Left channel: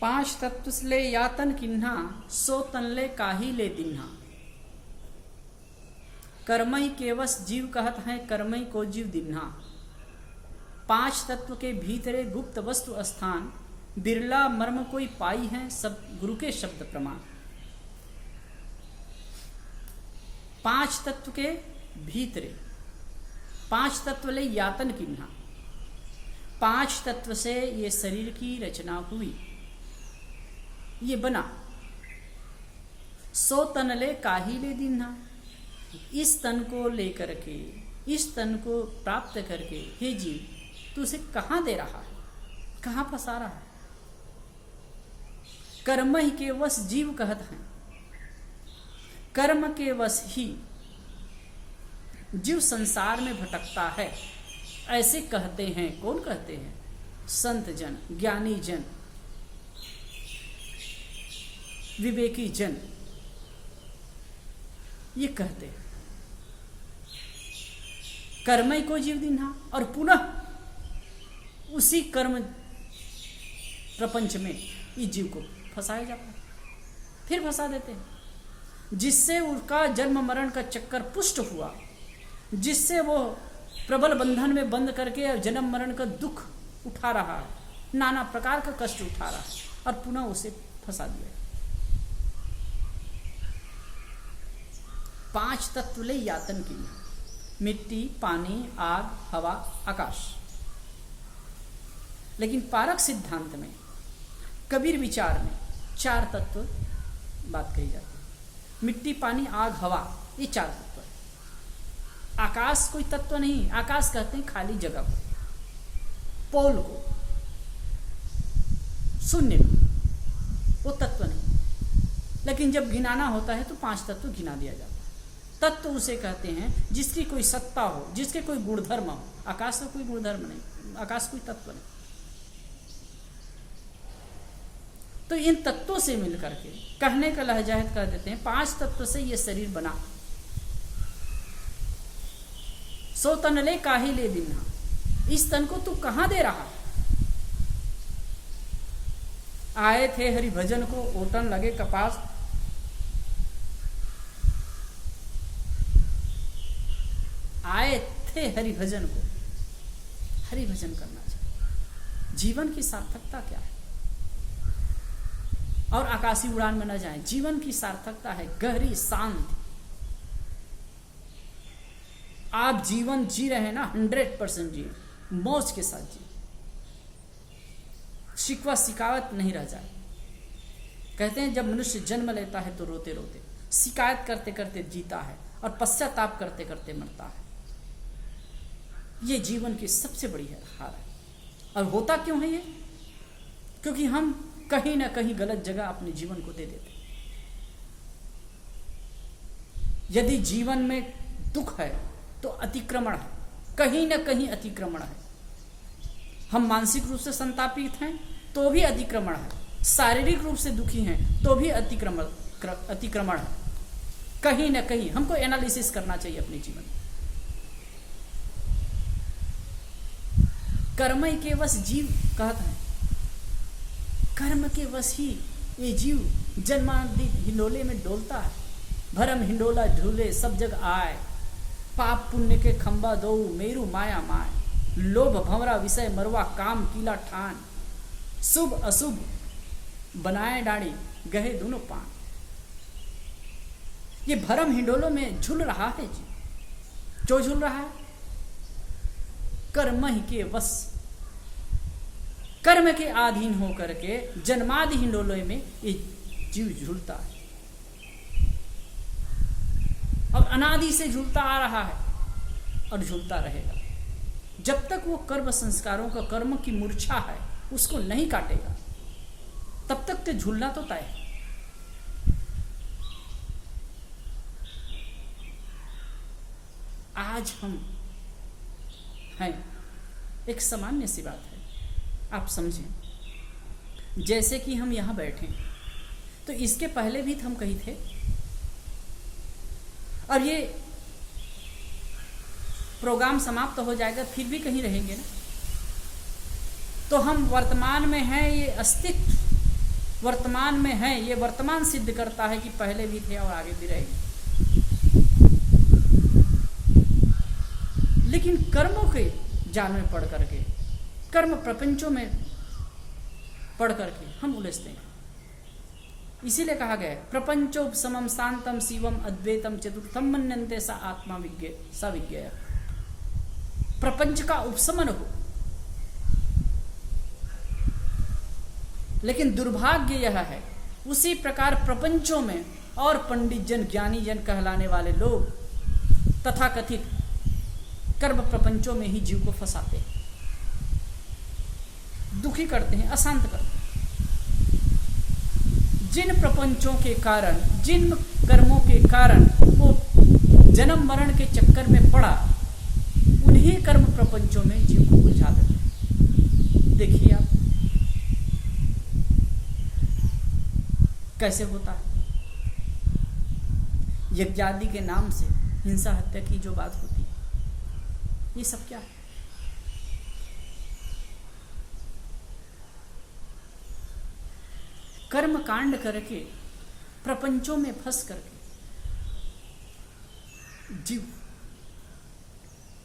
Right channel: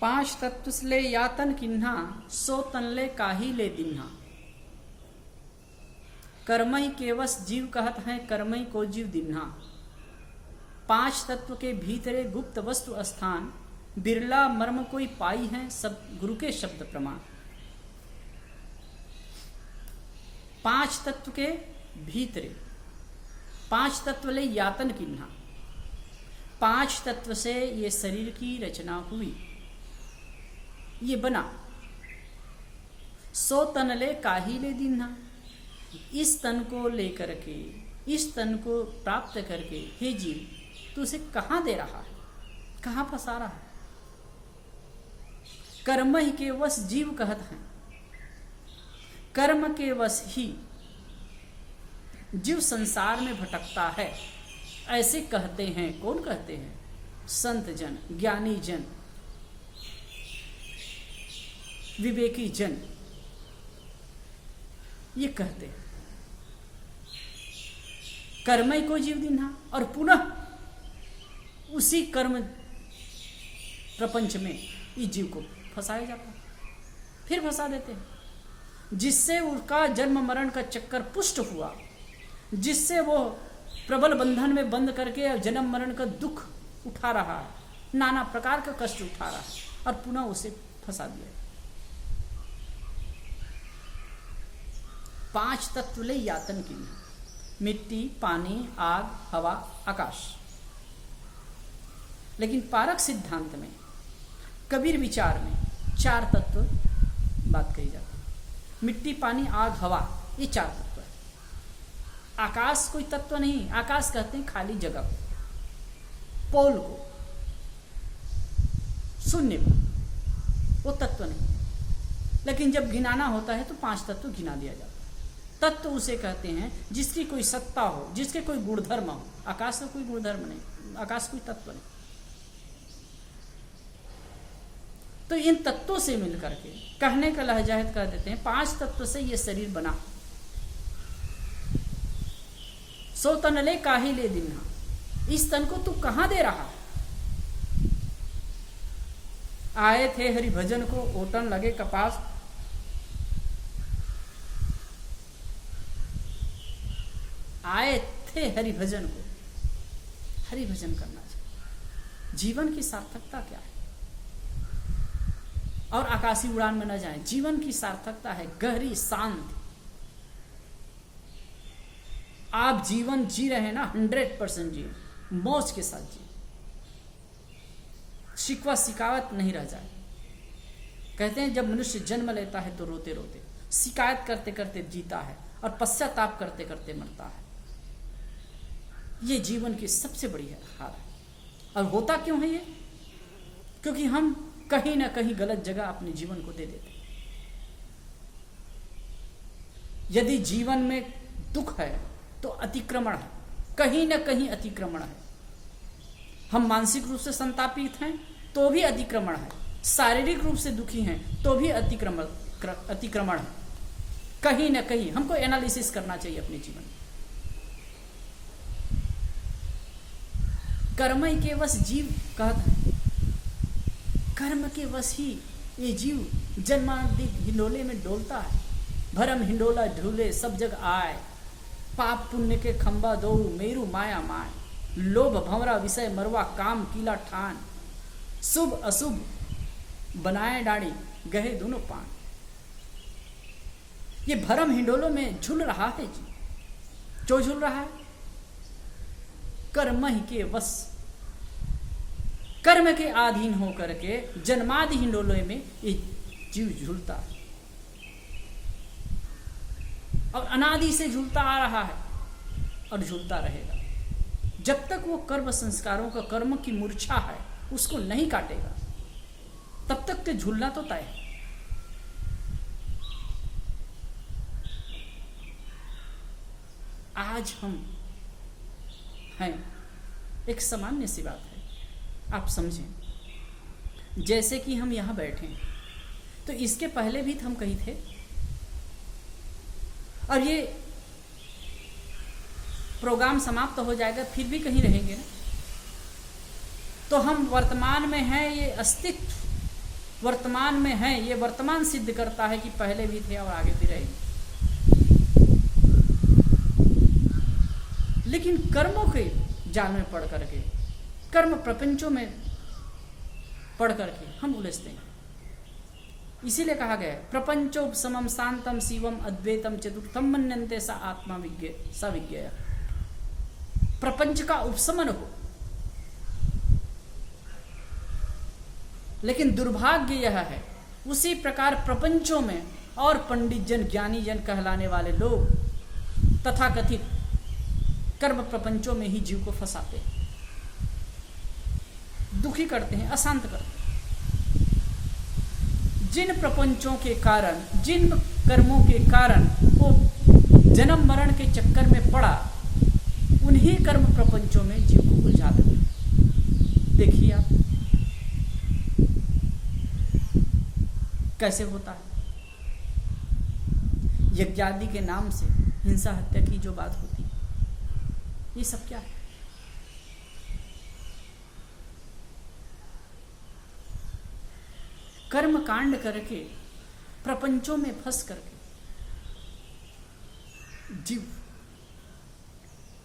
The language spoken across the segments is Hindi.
पांच तत्व ले यातन किन्हा, सो तन ले काही ले दिन्हा। कर्मई केवस जीव कहत है, कर्मई को जीव दिन्हा। पांच तत्व के भीतरे गुप्त वस्तु स्थान, बिरला मर्म कोई पाई है, सब गुरु के शब्द प्रमाण। पांच तत्व के भीतरे, पांच तत्व ले यातन किन्हा। पांच तत्व से ये शरीर की रचना हुई, ये बना। सो तन ले काही ले दिन्हा। इस तन को लेकर के, इस तन को प्राप्त करके, हे जीव तू उसे कहां दे रहा है, कहां फंसा रहा है। कर्म ही के वश जीव कहत है, कर्म के वश ही जीव संसार में भटकता है, ऐसे कहते हैं। कौन कहते हैं? संत जन, ज्ञानी जन, विवेकी जन, ये कहते हैं। कर्म को जीव दिन्हा, और पुनः उसी कर्म प्रपंच में इस जीव को फंसाया जाता है, फिर फंसा देते हैं, जिससे उसका जन्म मरण का चक्कर पुष्ट हुआ, जिससे वो प्रबल बंधन में बंद करके जन्म मरण का दुख उठा रहा है, नाना प्रकार का कष्ट उठा रहा है, और पुनः उसे फंसा दिया। पांच तत्व ले यातन किन्हा, मिट्टी, पानी, आग, हवा, आकाश। लेकिन पारक सिद्धांत में, कबीर विचार में चार तत्व बात कही जाती है। मिट्टी, पानी, आग, हवा, ये चार तत्व है। आकाश कोई तत्व नहीं। आकाश कहते हैं खाली जगह को, पोल को, शून्य को, वो तत्व नहीं। लेकिन जब गिनाना होता है तो पांच तत्व गिना दिया जाता है। तत्व उसे कहते हैं जिसकी कोई सत्ता हो, जिसके कोई गुणधर्म हो। आकाश का कोई गुणधर्म नहीं, आकाश कोई तत्व नहीं। तो इन तत्वों से मिलकर के कहने का लहजा है, कह देते हैं पांच तत्व से ये शरीर बना। सो तन ले काही ले दिन्हा। इस तन को तू कहां दे रहा है? आए थे हरि भजन को, ओटन लगे कपास। आए थे हरि भजन को, हरि भजन करना चाहिए। जीवन की सार्थकता क्या है? और आकाशी उड़ान में न जाएं। जीवन की सार्थकता है गहरी शांति। आप जीवन जी रहे हैं ना, 100% जिए, मौज के साथ जिए, शिकवा शिकायत नहीं रह जाए। कहते हैं जब मनुष्य जन्म लेता है तो रोते रोते, शिकायत करते करते जीता है, और पश्चाताप करते करते मरता है। ये जीवन की सबसे बड़ी हार है। और होता क्यों है ये? क्योंकि हम कहीं ना कहीं गलत जगह अपने जीवन को दे देते। यदि जीवन में दुख है तो अतिक्रमण है, कहीं ना कहीं अतिक्रमण है। हम मानसिक रूप से संतापित हैं तो भी अतिक्रमण है, शारीरिक रूप से दुखी हैं तो भी अतिक्रमण है। कहीं ना कहीं हमको एनालिसिस करना चाहिए अपने जीवन में। कर्म के वश जीव कहता है, कर्म के वश ही ये जीव जन्मादि हिंडोले में डोलता है। भरम हिंडोला ढूले सब जग आए, पाप पुण्य के खंबा दो मेरु माया माय। लोभ भंवरा विषय मरवा काम कीला ठान, शुभ अशुभ बनाए डाड़ी गहे दोनों पान। ये भरम हिंडोलों में झूल रहा है जी। जो झूल रहा है? कर्म ही के वश, कर्म के अधीन होकर के जन्मादि हिंडोलों में ये जीव झूलता है, और अनादि से झूलता आ रहा है और झूलता रहेगा जब तक वो कर्म संस्कारों का, कर्म की मूर्छा है उसको नहीं काटेगा, तब तक तो झूलना तो तय है। आज हम हैं, एक सामान्य सी बात है, आप समझें। जैसे कि हम यहां बैठे हैं, तो इसके पहले भी हम कहीं थे, और ये प्रोग्राम समाप्त हो जाएगा फिर भी कहीं रहेंगे ना। तो हम वर्तमान में हैं, ये अस्तित्व वर्तमान में हैं, ये वर्तमान सिद्ध करता है कि पहले भी थे और आगे भी रहेंगे। लेकिन कर्मों के जाल में पढ़ करके, कर्म प्रपंचों में पढ़ करके हम उलझते हैं। इसीलिए कहा गया है प्रपंचोपशमम शांतम शिवम अद्वैतम चतुर्थम मन्यन्ते सा आत्मा विज्ञेय। प्रपंच का उपशमन हो। लेकिन दुर्भाग्य यह है, उसी प्रकार प्रपंचों में और पंडित जन, ज्ञानी जन कहलाने वाले लोग तथाकथित कर्म प्रपंचों में ही जीव को फंसाते हैं, दुखी करते हैं, अशांत करते हैं। जिन प्रपंचों के कारण, जिन कर्मों के कारण वो जन्म मरण के चक्कर में पड़ा, उन्हीं कर्म प्रपंचों में जीव को उलझा देते हैं। देखिए आप कैसे होता है। यज्ञादि के नाम से हिंसा हत्या की जो बात होती है, ये सब क्या है? कर्म कांड करके, प्रपंचों में फंस करके जीव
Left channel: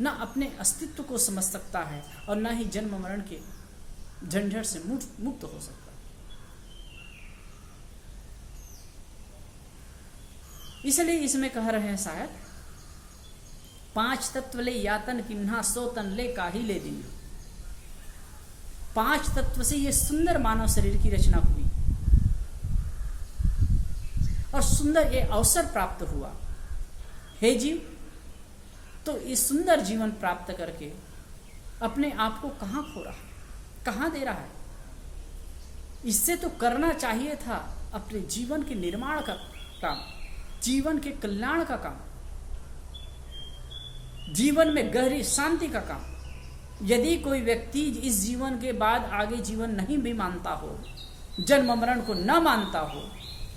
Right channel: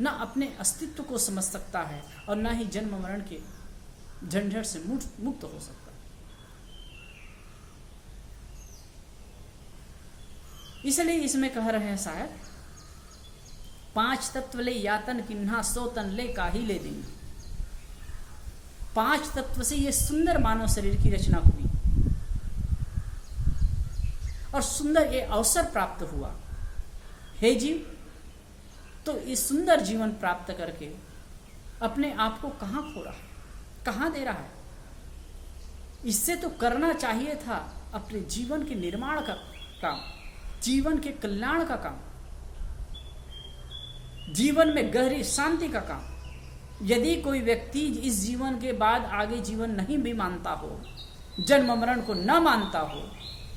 न अपने अस्तित्व को समझ सकता है और न ही जन्म मरण के झंझट से मुक्त हो सकता है। इसलिए इसमें कह रहे हैं शायद, 5 तत्व ले यातन किन्हा, 100 तन ले काहि ले दिन। 5 तत्व से ये सुंदर मानव शरीर की रचना हुई और सुंदर ये अवसर प्राप्त हुआ। हे जीव, तो इस सुंदर जीवन प्राप्त करके अपने आप को कहां खो रहा है, कहां दे रहा है? इससे तो करना चाहिए था अपने जीवन के निर्माण का काम, जीवन के कल्याण का काम, जीवन में गहरी शांति का काम। यदि कोई व्यक्ति इस जीवन के बाद आगे जीवन नहीं भी मानता हो, जन्म मरण को न मानता हो,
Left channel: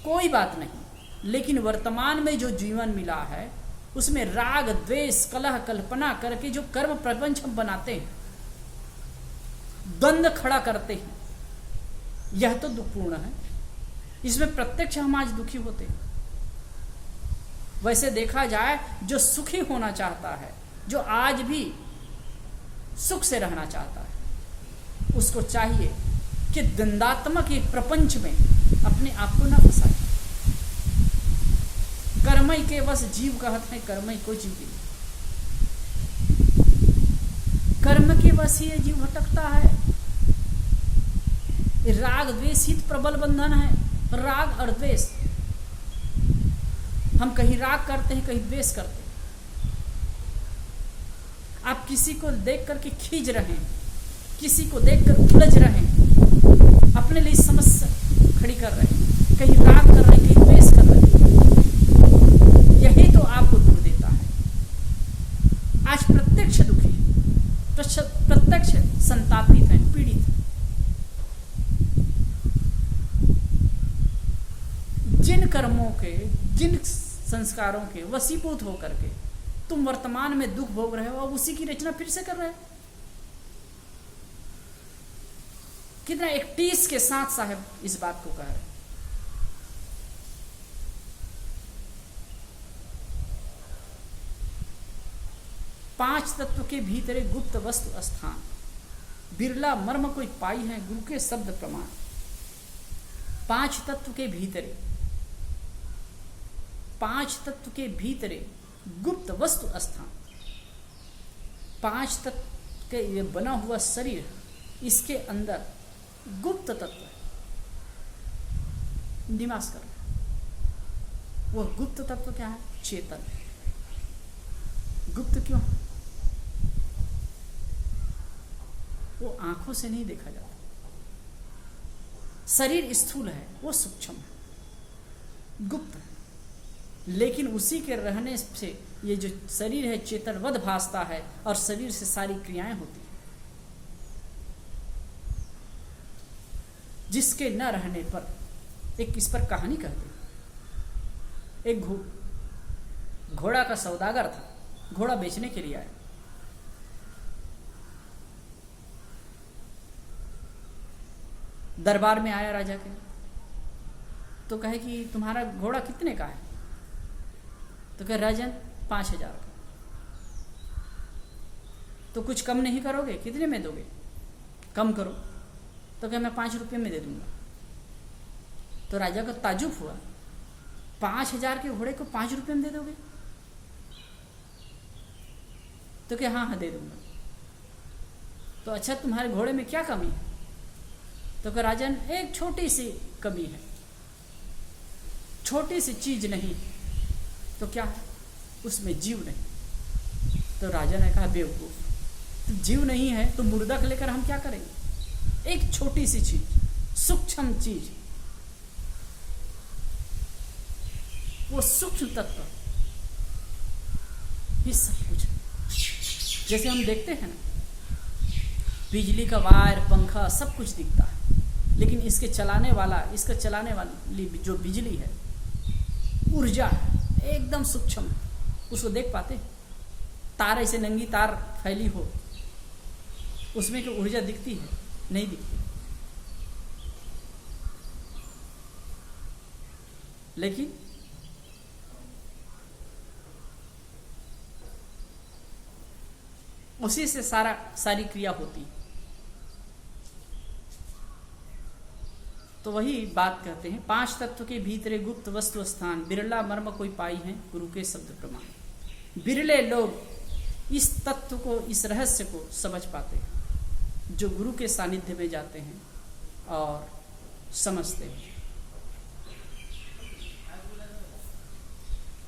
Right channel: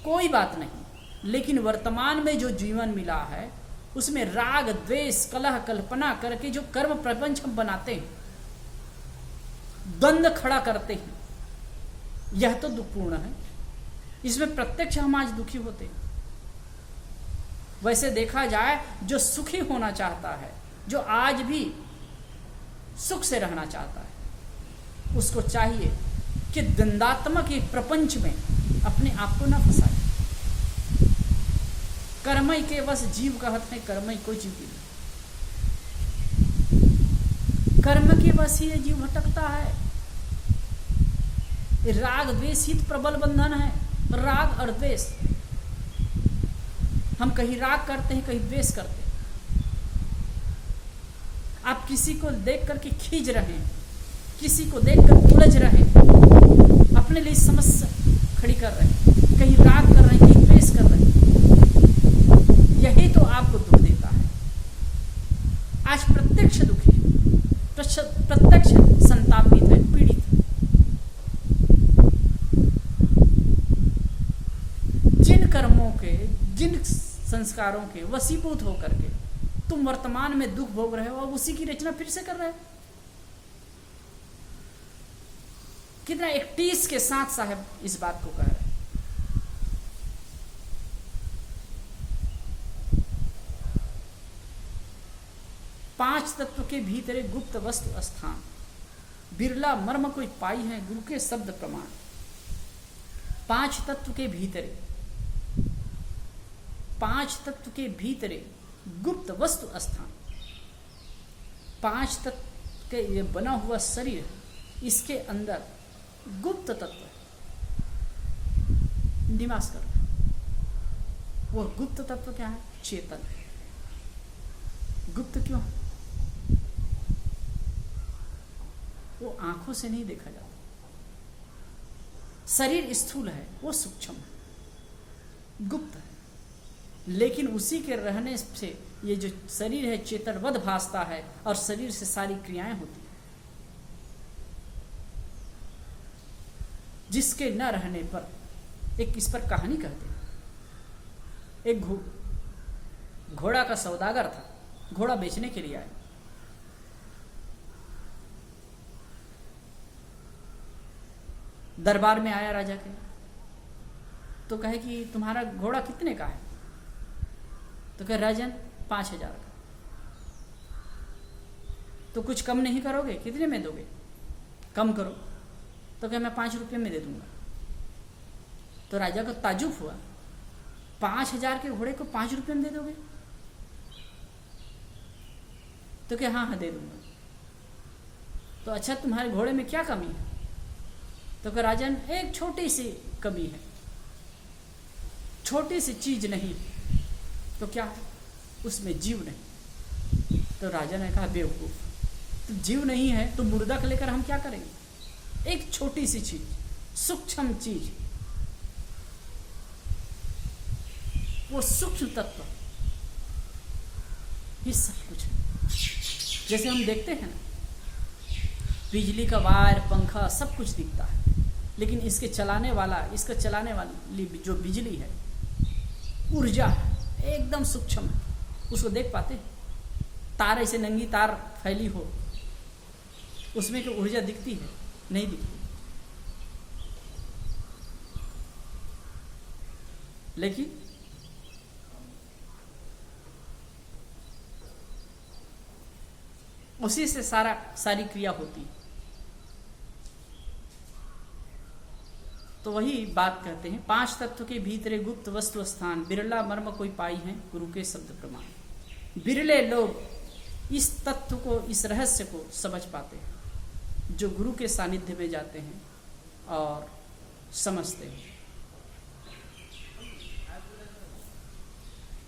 कोई बात नहीं, लेकिन वर्तमान में जो जीवन मिला है उसमें राग द्वेष कलह कल्पना करके जो कर्म प्रपंच हम बनाते हैं, द्वंद्व खड़ा करते हैं, यह तो दुखपूर्ण है। इसमें प्रत्यक्ष हम आज दुखी होते हैं। वैसे देखा जाए, जो सुखी होना चाहता है, जो आज भी सुख से रहना चाहता है, उसको चाहिए कि द्वंद्वात्मक एक प्रपंच में अपने आप को न फंसाए। कर्मई के बस जीव कहते हैं, कर्मई को जीव की, कर्म के बस ही जीव भटकता है। राग द्वेष हित प्रबल बंधन है। राग और द्वेष, हम कहीं राग करते हैं, कहीं द्वेष करते हैं। आप किसी को देख करके खींच रहे हैं, किसी को देखकर उलझ रहे हैं, अपने लिए समस्या खड़ी कर रहे हैं, कहीं राग कर रहे हैं, कहीं द्वेष कर रहे हैं। यही तो आपको दुख देता है। आज प्रत्यक्ष दुखी है, प्रत्यक्ष संतापित है, पीड़ित है। जिन कर्मों के, जिन संस्कारों के वशीभूत होकर के तुम वर्तमान में दुख भोग रहे हो, अब उसी की रचना फिर से कर रहे हो। कितना एक टीस के साथ साहब इस बात को कह रहे हैं। पांच तत्व के भीतरे गुप्त वस्तु स्थान, बिरला मर्म कोई पाई है गुरु के शब्द प्रमाण। 5 तत्व के भीतरे, 5 तत्व के भीतरे गुप्त वस्तु स्थान। 5 तत्व के ये बना हुआ शरीर, इसके अंदर गुप्त तत्व है, निवास कर रहा है। वह गुप्त तत्व क्या है? चेतन है। गुप्त क्यों? वो आंखों से नहीं देखा जाता। शरीर स्थूल है, वो सूक्ष्म है, गुप्त है। लेकिन उसी के रहने से ये जो शरीर है चेतनवद भासता है और शरीर से सारी क्रियाएं होती है। जिसके न रहने पर, एक इस पर कहानी कहते हैं। एक घोड़ा का सौदागर था, घोड़ा बेचने के लिए आया। दरबार में आया राजा के, तो कहे कि तुम्हारा घोड़ा कितने का है? तो कहे राजन 5,000 का। तो कुछ कम नहीं करोगे? कितने में दोगे? कम करो। तो कहे मैं 5 रुपये में दे दूंगा। तो राजा को ताजुब हुआ, 5,000 के घोड़े को 5 रुपये में दे दोगे? तो कहे हाँ दे दूंगा। तो अच्छा तुम्हारे घोड़े में क्या कमी है? तो कहे राजन एक छोटी सी कमी है, छोटी सी चीज नहीं। तो क्या है? उसमें जीव नहीं। तो राजा ने कहा बेवकूफ, तो जीव नहीं है तो मुर्दा को लेकर हम क्या करेंगे? एक छोटी सी चीज, सूक्ष्म चीज, वो सूक्ष्म तत्व ही सब कुछ है। जैसे हम देखते हैं ना, बिजली का वायर, पंखा सब कुछ दिखता है, लेकिन इसके चलाने वाली जो बिजली है, ऊर्जा है, एकदम सूक्ष्म है। उसको देख पाते? तार ऐसे नंगी तार फैली हो, उसमें क्या ऊर्जा दिखती है? नहीं दिखती। लेकिन उसी से सारी क्रिया होती। तो वही बात कहते हैं, 5 तत्व के भीतरे गुप्त वस्तु स्थान, बिरला मर्म कोई पाई है गुरु के शब्द प्रमाण। बिरले लोग इस तत्व को, इस रहस्य को समझ पाते हैं, जो गुरु के सानिध्य में जाते हैं और समझते हैं।